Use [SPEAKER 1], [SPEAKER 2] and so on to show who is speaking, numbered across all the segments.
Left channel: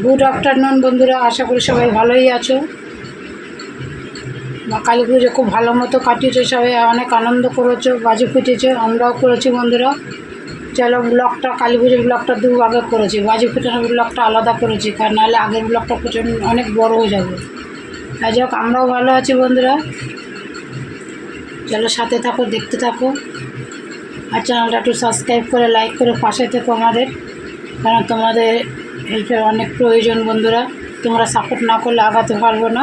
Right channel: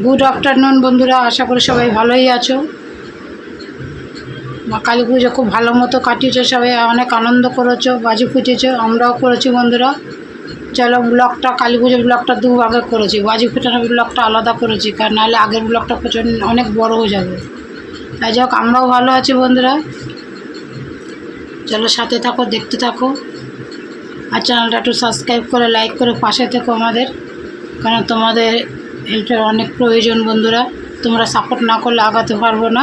[SPEAKER 1] Good afternoon বন্ধুরা। আশা করি সবাই ভালোই আছো। কালী পুজো খুব ভালো মতো কাটিয়েছো সবাই, অনেক আনন্দ করেছ, বাজি ফুটেছো, আমরাও করেছি বন্ধুরা। চলো ব্লগটা, কালী পুজোর ব্লগটা দু আগে করেছি। বাজি ফুটানোর ব্লগটা আলাদা করেছি, কারণ নাহলে আগের ব্লগটা প্রচণ্ড অনেক বড় হয়ে যাবে। তাই যাই হোক, আমরাও ভালো আছি বন্ধুরা। চলো সাথে থাকো, দেখতে থাকো। আর চ্যানেলটা একটু সাবস্ক্রাইব করে লাইক করে পাশে থেকো আমাদের। কারণ তোমাদের হেল্পের অনেক প্রয়োজন বন্ধুরা। তোমরা সাপোর্ট না করলে আগাতে পারব না।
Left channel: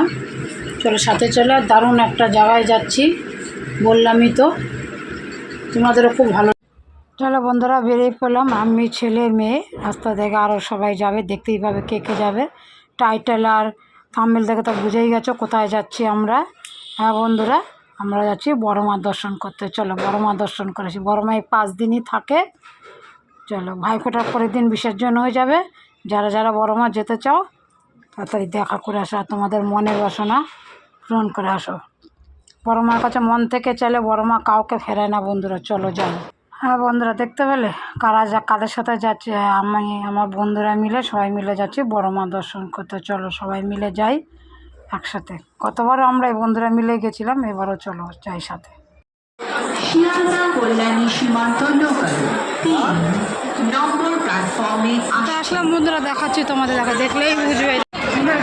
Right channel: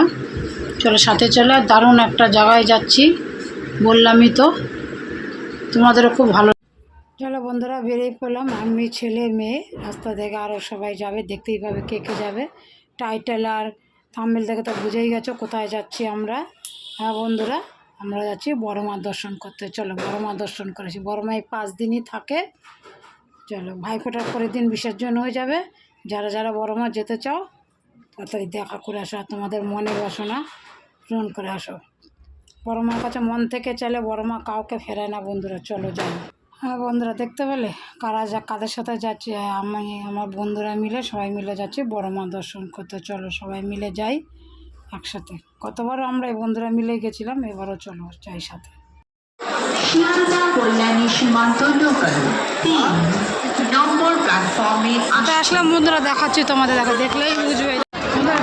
[SPEAKER 1] চলো সাথে চলে, দারুণ একটা জায়গায় যাচ্ছি। বললামই তো, তোমাদেরও খুব ভালো চলো বন্ধুরা, বেরিয়ে পড়লাম। আমি ছেলে, মেয়ে, রাস্তা থেকে আরও সবাই যাবে, দেখতেই পাবে কে কে যাবে। টাইটেল আর থাম্বেল দেখে তো বুঝেই গেছো কোথায় যাচ্ছি আমরা। হ্যাঁ বন্ধুরা, আমরা যাচ্ছি বড় মা দর্শন করতে। চলো বড় মা দর্শন করেছি। বড় মা এই পাঁচ দিনই থাকে। চলো ভাইফোঁটার পরের দিন বিসর্জন হয়ে যাবে। যারা যারা বড় মা যেতে চাও, তাড়াতাড়ি দেখা করে আসো আর তোমাদের মনের বাসনা পূরণ করে আসো। বড় মার কাছে মন থেকে চাইলে বড় মা কাউকে ফেরায় না বন্ধুরা, চলো যাই। হ্যাঁ বন্ধুরা, দেখতে পেলে? কারা যা, কাদের সাথে যাচ্ছে? আমি, আমার বন্ধুরা মিলে, সবাই মিলে যাচ্ছি বড় মা দর্শন করতে। চলো সবাই মিলে যাই একসাথে। কতবারও আমরা এই বন্ধুরা মিলে গেছিলাম, এবারও চলো যাই সাথে।
[SPEAKER 2] কল্যাণী সীমান্ত
[SPEAKER 1] তো আসলাম বন্ধুরা দেখাচ্ছি তোমাদের দেখা, দেখলেই বুঝবে।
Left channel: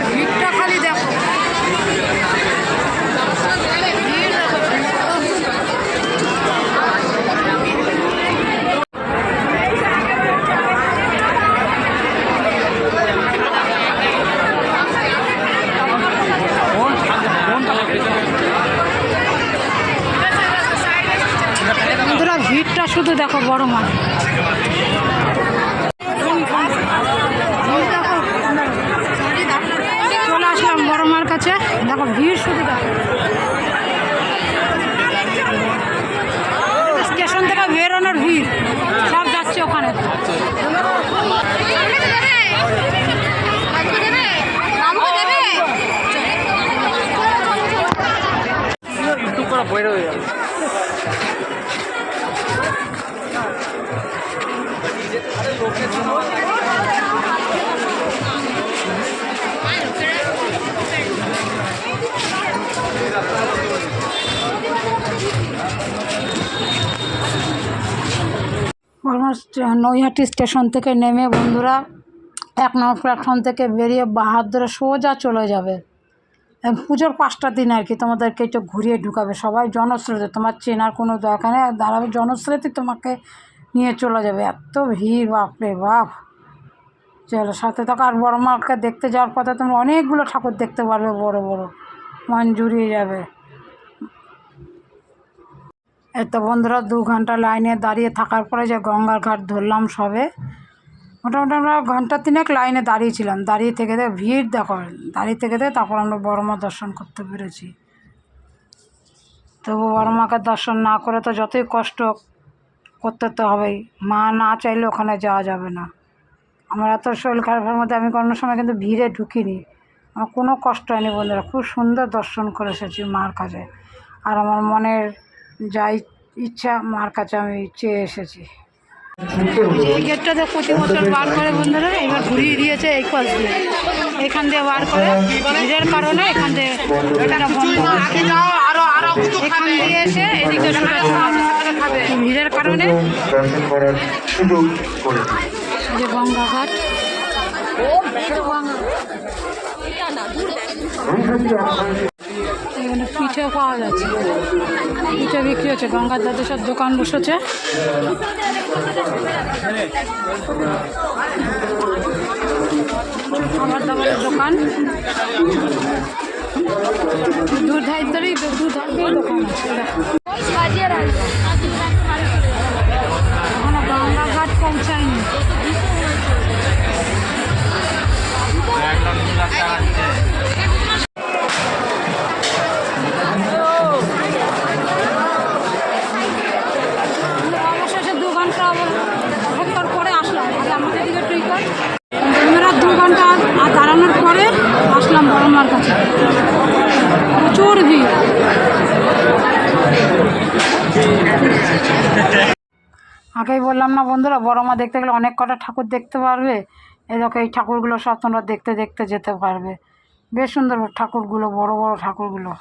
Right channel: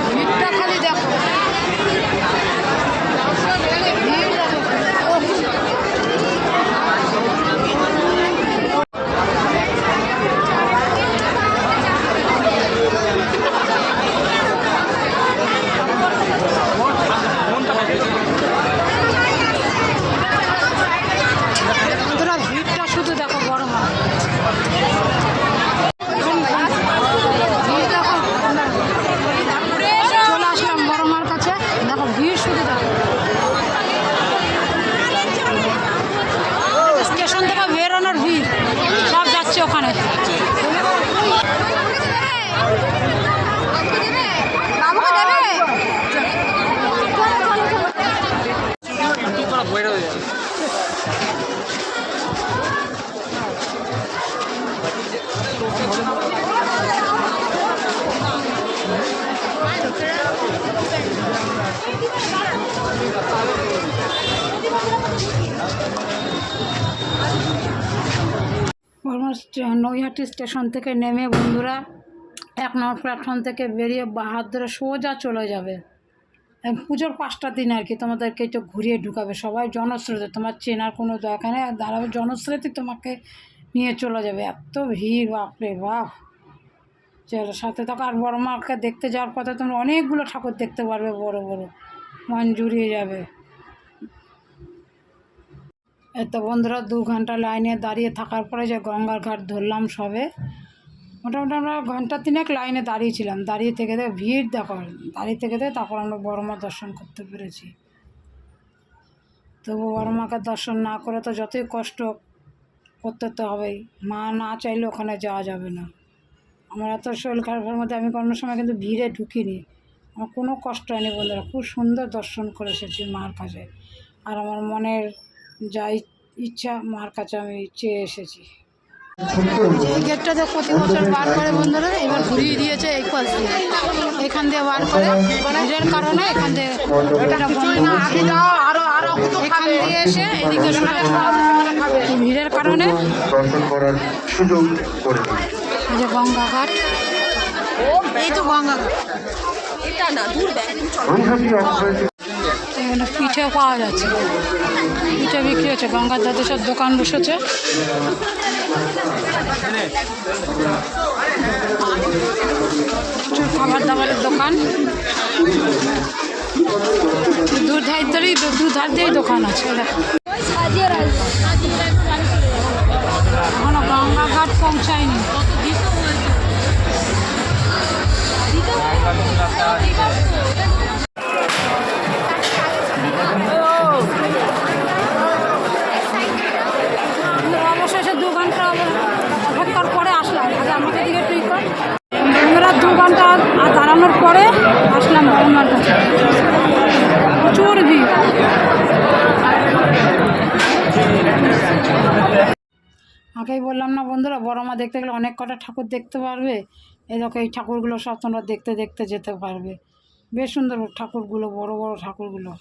[SPEAKER 1] ভিড়টা খালি দেখো। ভিড় ভিড়টা শুধু দেখো বড় মা ভিড় দেখো। চলে আসলাম বড় মার কাছে দেখো ভিড় শুধু দেখো স্টেশন থেকে বেরোনোর ভিড় সব যাচ্ছে ওখানে অলমোস্ট নৈহাটি স্টেশন থেকে নেমে বন্ধুরা, এক নম্বর প্ল্যাটফর্ম থেকে বেরিয়ে বাহার ধরে সোজা চলে যাবে। পুজোর পাঁচটা দিন আর কি তোমাদেরকে একটু ঘুরিয়ে ঢুকাবে সবাই। জনস্রোতে তোমার চেনার কোনো দরকার নেই। দাঁড়াবে জনস্রোতে তোমাকে নিয়ে চলে যাবে। এত ভিড়, বাপরে বাপ। চলো, সাথে থাকো। আর বড় মাকে দেখতে যাওয়ার পথে তোমরা অনেকগুলো ঠাকুর দেখতে পারবে, বড় বড়। মন জুড়িয়ে যাবে। এত বন্ধুরা দু ঘণ্টা লাইনে দাঁড়িয়ে থাকার পরে যে গঙ্গার ঘাট ধরলাম সবে, মোটামুটি আমরা ঘণ্টা তিনেক লাইনে দাঁড়িয়েছিলাম। দাঁড়িয়ে থেকে দেখে ভিড় দেখো, দাঁড়িয়ে থেকে দেখে তারপর আমরা বড় মা দর্শন করতে পেরেছি। তবু বড় মাকে দর্শন না করে তো যতই কষ্ট করতে তো হবেই। মা না চাইলে ওখানে যাওয়া যাবে না। আমার এত শরীর খারাপের মধ্যে আমি কোনো সময় কিন্তু ভিড়ে ঢুকিনি। আমার কোনো কষ্ট হয়নি বন্ধুরা, খুব সুন্দর দর্শন করে এসেছি মার কাছে। আর আমার মনের যা ই- ইচ্ছা, মার কাছে আমি চেয়ে এসেছি। এই গেটটাতে প্রতি বছর বার করে বন্ধুরা, এবার ঘুরিয়ে দিয়েছে এই পাশ দিয়ে। এখান দিয়ে বার করে ভিড়ের কারণে এখান দিয়ে এটা বন্ধ। এখান দিয়ে এসে এদিকে ভিড়ের কারণে যে গঙ্গাঘাট
[SPEAKER 3] নৈহাটি অর্থনৈতিক
[SPEAKER 1] এখানে পিঠে পাওয়া যাচ্ছে। পিঠে বিক্রি হচ্ছে। গঙ্গার দাদে সব দোকান বসেছে। খাবার দাবারের দোকান। দু ধার ধরেই দু ধার দিয়েই দোকান আছে দেখো। এখনও গঙ্গা ঘাট পৌঁছায়নি। অবশেষে আর দাঁড়ানোর পরে আসলাম বড় মার কাছে। প্রচুর ভিড়। আগেই বললাম না বন্ধুরা বড় মা দেখতে গেলে অনেক কটা ঠাকুর দেখতে পারবে। এদেরকে এই ঠাকুরগুলো সব তোমরা দেখতে দেখতে যেতে পারবে। বেশ সুন্দর ঠাকুরগুলো, বড় বড় ঠাকুরগুলো।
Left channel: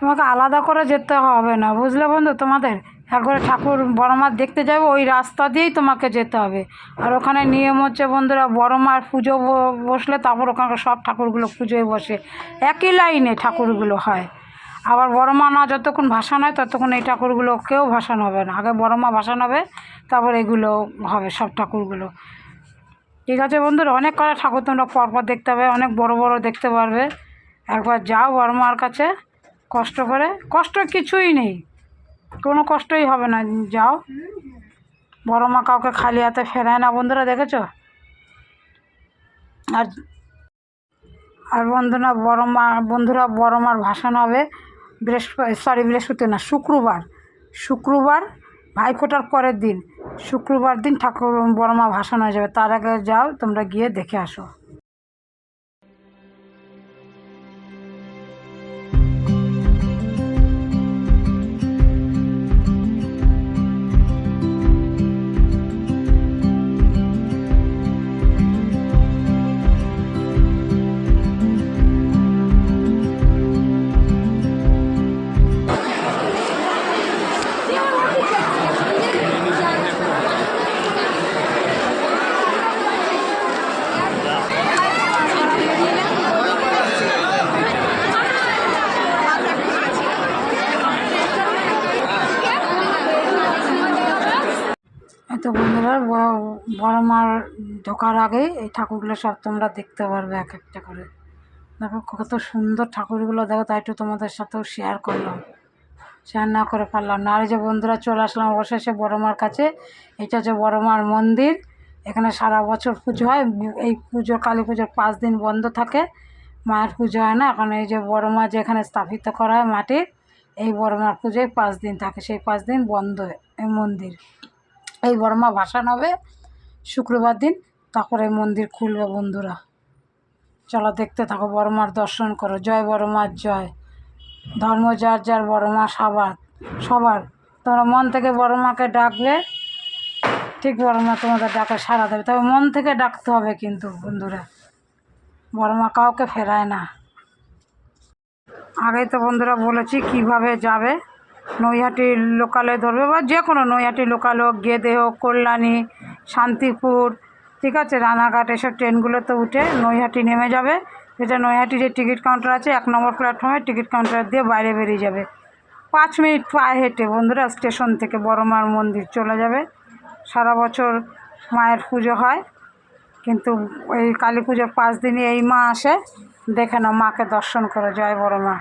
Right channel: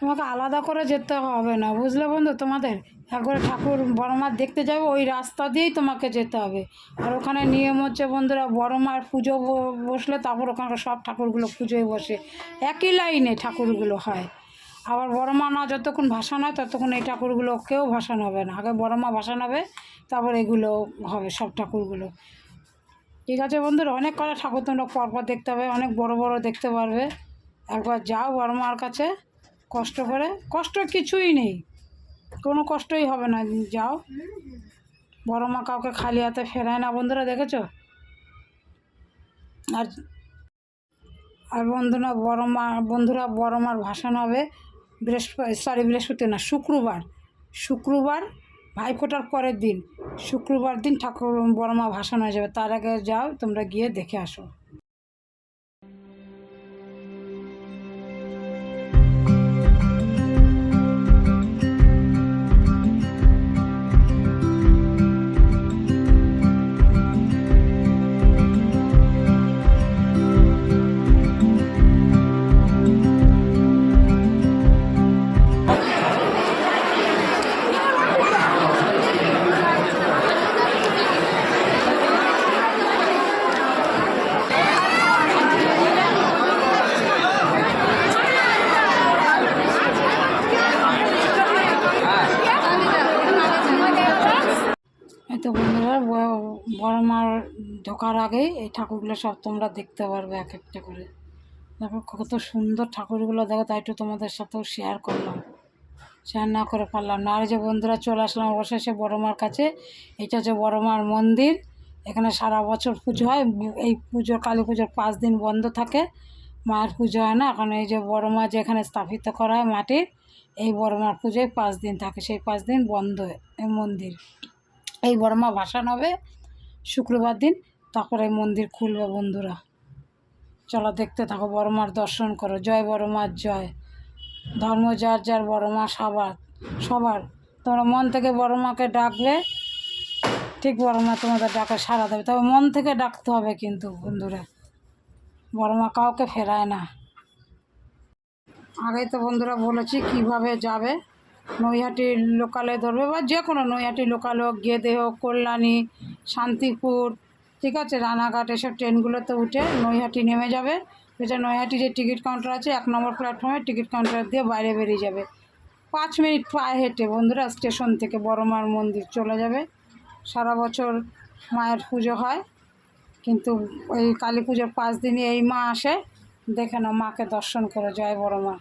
[SPEAKER 1] তোমাকে আলাদা করে যেতে হবে না, বুঝলে বন্ধু? তোমাদের একবারে ঠাকুর বড় মার দেখতে যাবে, ওই রাস্তা দিয়েই তোমাকে যেতে হবে। আর ওখানে নিয়ম হচ্ছে বন্ধুরা বড় মার পুজো বসলে তারপর ওখানকার সব ঠাকুরগুলো পুজোয় বসে। একই লাইনে ঠাকুরগুলো হয়। আবার বড় মা না যতক্ষণ ভাসান হয়, ততক্ষণ এই ঠাকুরগুলো কেউ ভাসান হবে না। আগে বড় মা ভাসান হবে, তারপর এগুলো হবে সব ঠাকুরগুলো। ঠিক আছে বন্ধুরা? অনেক কটা ঠাকুর তোমরা পরপর দেখতে হবে অনেক বড় বড় দেখতে পারবে। একবার যাও বড় মার কাছে। কষ্ট করে? কষ্ট কিছুই নেই। কোনো কষ্টই হবে না। যাও। বড় মা কাউকে খালি হাতে ফেরায় না, বন্ধুরা, দেখেছ? আর আর বন্ধুরা, বড় মা, বন্ধুরা, বড় মার ভাসান হবে বৃহস্পতি সরি বৃহস্পতি না, শুক্রবার। শুক্রবার ভাইফোঁটার পরের দিন। শুক্রবার দিন ঠাকুর, বড় মা ভাসান হয়ে যাবে। তার আগে যাও, তোমরা গিয়ে দেখে আসো। বড় মার ঢোকার আগে এই ঠাকুরগুলো সব তোমরা দেখতে পারবে এক একটা করে। দেখো কত সুন্দর ঠাকুরগুলো, দেখো তাই একটু তোমাদের সাথেও শেয়ার করলাম। শেয়ার না করে পারলাম না। আর যে বন্ধুরা চলে আসলাম অবশেষে বড় মার কাছে। এটা হচ্ছে বড় মার মন্দির। এখানে সারা বছর পুজো হয়। এই পুজো কালী পুজোর পাঁচ দিন বন্ধ থাকে। মায়ের পুজো হয় না। এখন এই যে বড় মা যেখানে স্থাপিত করা হয় মাটির এই বড় মার পুজোয় পাঁচ দিন থাকে। সেই পাঁচ দিন বন্ধ এই মন্দির। এই বড় মা ভাসান হবে। শুক্রবার দিন, তারপরে মন্দির খুলবে বন্ধুরা। চলো দেখতে থাকো, বড় মার দর্শন করো। জয় বড় মার, জয়। ধর্ম যার যার, বড় মা সবার সবার। তোমরা মন থেকে বড় মাকে ডাকলে, ঠিক বড় মা তোমাদের ডাকে সাড়া দেবে। তবে মন থেকে ডাকতে হবে কিন্তু বন্ধুরা। বড় মা কাউকে ফেরায় না। আগেই তো বন্ধুরা বলেছি কীভাবে যাবে। নৈহাটি লোকালে ধরবে বা যে কোনো নৈহাটি লোকাল হোক, গেদে হোক, কল্যাণী, শান্তিপুর, ঠিক আছে, রানাঘাট, এসব ট্রেনগুলোতে উঠে নৈহাটি নেমে যাবে। এটা নৈহাটি যে টিকিট কাউন্টার আছে, এক নম্বর প্ল্যাটফর্মে টিকিট কাউন্টার দিয়ে বাইরে বেরিয়ে যাবে। পাঁচ মিনিট পায়ে হেঁটে বন্ধুরা স্টেশন থেকে বড় মার মন্দির চলে যাবে। সারা বছর মায়ের পুজো হয়, কিন্তু এই কালী পুজোর পাঁচ দিনই এই মা আসে। দেখে নাও, মাকে দর্শন করো, জয় বড় মা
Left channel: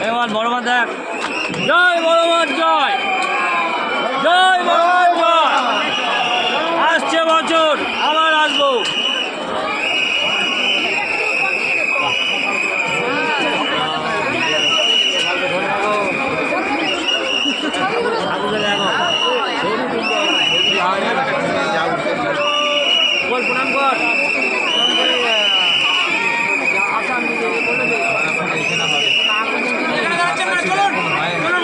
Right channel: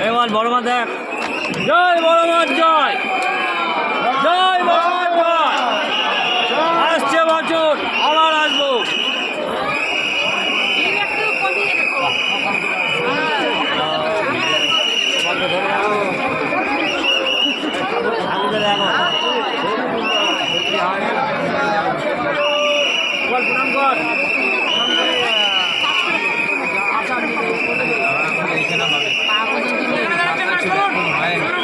[SPEAKER 4] এবার বড় মা দেখ। জয় বড় মাছ, জয়। জয় বড় মাছ, জয়। আসছে বছর, আবার আসব।
[SPEAKER 1] ঠাকুর এখন 哎?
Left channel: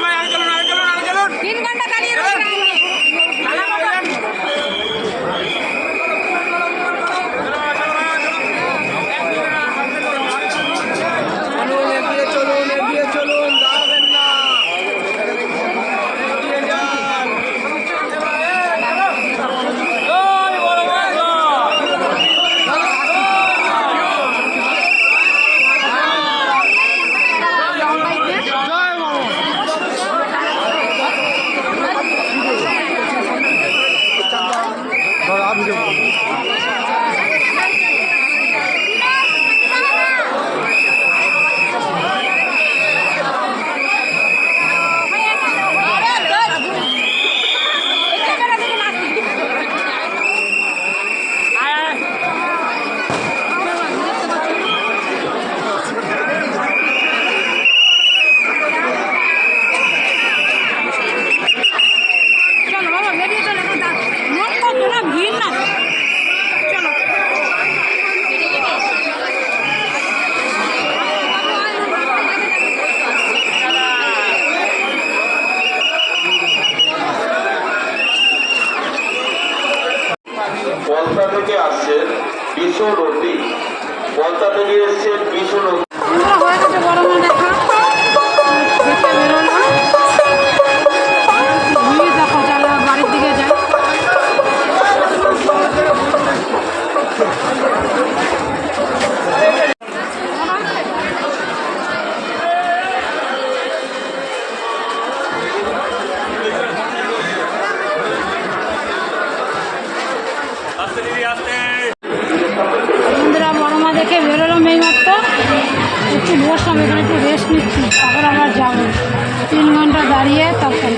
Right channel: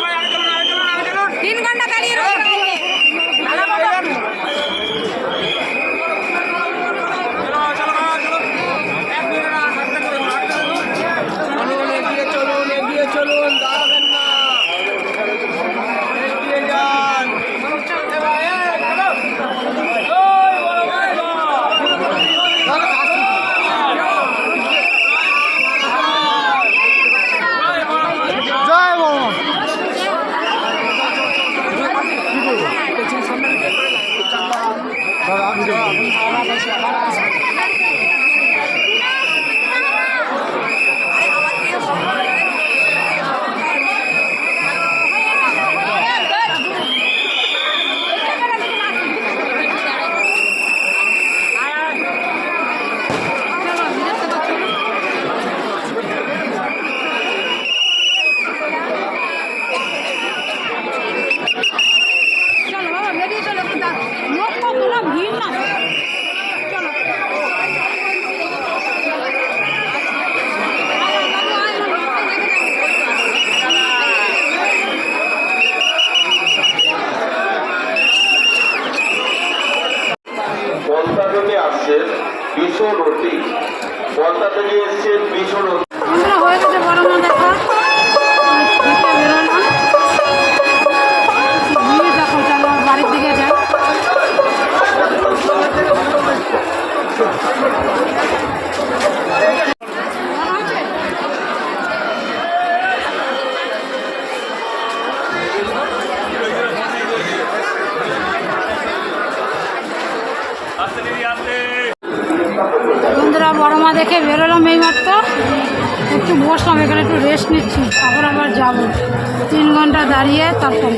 [SPEAKER 1] দাঁড়িয়ে তারপরে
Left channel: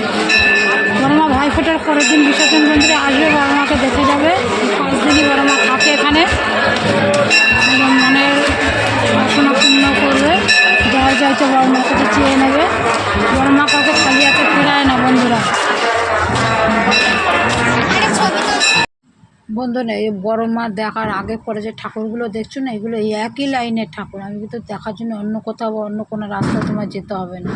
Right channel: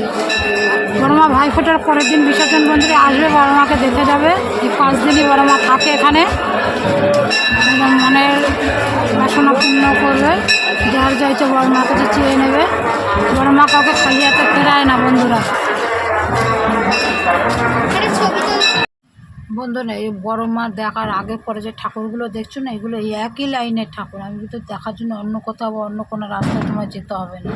[SPEAKER 1] বড় মা ভাই ফোটার পরের দিন বিসর্জন মন্দিরে আসবে বড় মাকে দেখে যাবে। পাঁচ দিনই বড় মা থাকে এখানে। মনের বাসনা পূর্ণ করবে। যার যাইছে বড় মা কাছে চেয়ে নেবে বড় মা কাউকে খালি ফেরায় না বন্ধুরা। বন্ধু বন্ধুরা এই বড় মা দেখার আগে পরে যে ঠাকুরগুলো দেখছ না, এগুলো একই লাইনের ঠাকুর। আমি কিন্তু দেখার জন্য অন্য কোথাও অন্য কোনো রাস্তায় তোমার যেতে হবে না।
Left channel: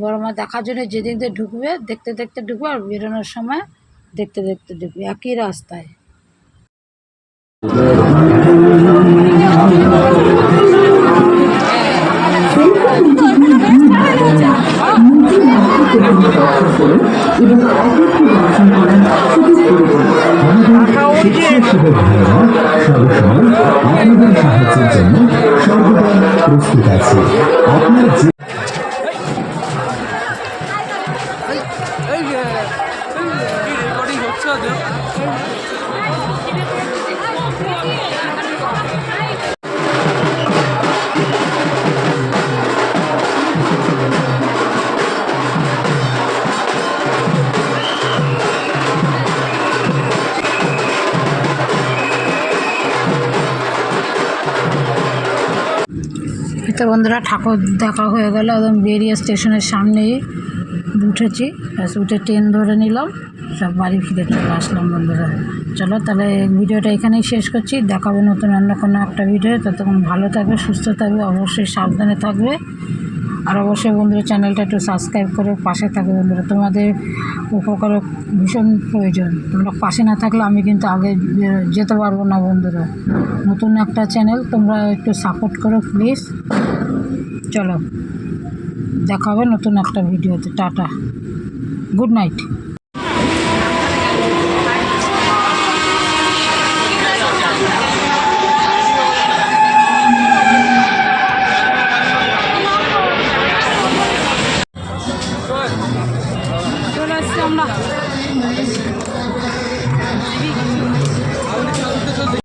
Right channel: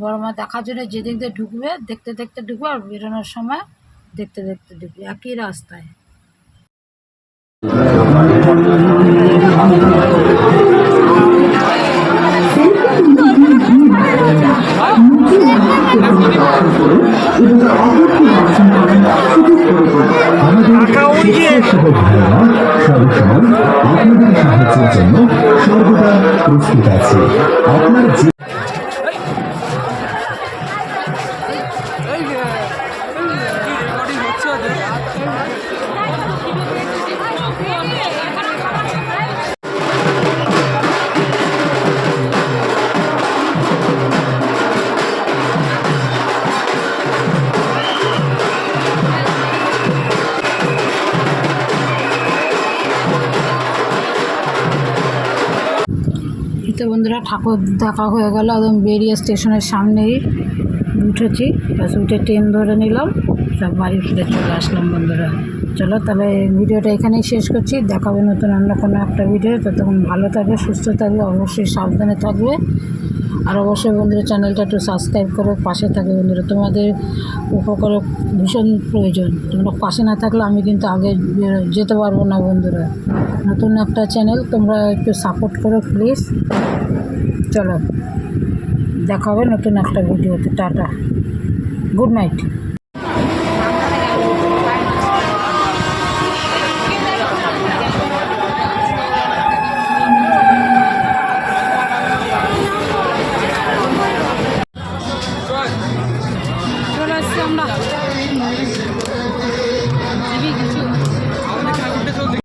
[SPEAKER 1] বড় মা দেখার জন্য যেদিক দিয়ে ঢুকবে, দেখতে দেখতে ঢুকবে আর বেরোনোর সময় দেখতে দেখতে ঢুকবে। একই রাস্তায়।
[SPEAKER 5] আপনার
[SPEAKER 4] রেকর্ডিং হচ্ছে
[SPEAKER 1] বন্ধুরা ঠাকুর দেখা হয়ে গেল একদম বেরিয়ে স্টেশনের সামনেই। উঠেছি। ব্যাস, উঠে ট্রেন ধরে নিলাম। সব বাড়ি ফিরে চলে আসলাম বন্ধুরা। চলো তাহলে ভিডিওটা এখানেই শেষ করছি। দেখাবো নতুন অন্য কোনো একটা ভিডিও। ততক্ষণ ভালো থাকবে, সুস্থ থাকবে, অবশ্যই সাবধানে থাকবে। আর অবশ্যই বন্ধুরা চ্যানেলটা একটু সাবস্ক্রাইব করে, পাশে থাকবে বন্ধুরা। তোমাদের উপকার ভীষণ প্রয়োজন। তোমরা পাশে না থাকলে আমি কিন্তু আগে যেতে পারব না বন্ধুরা। নতুন একটা চ্যানেল তোমরা একটু সাপোর্ট করো প্লিজ চলো। দেখা হবে নতুন একটা ভিডিওতে। টাটা। Good night.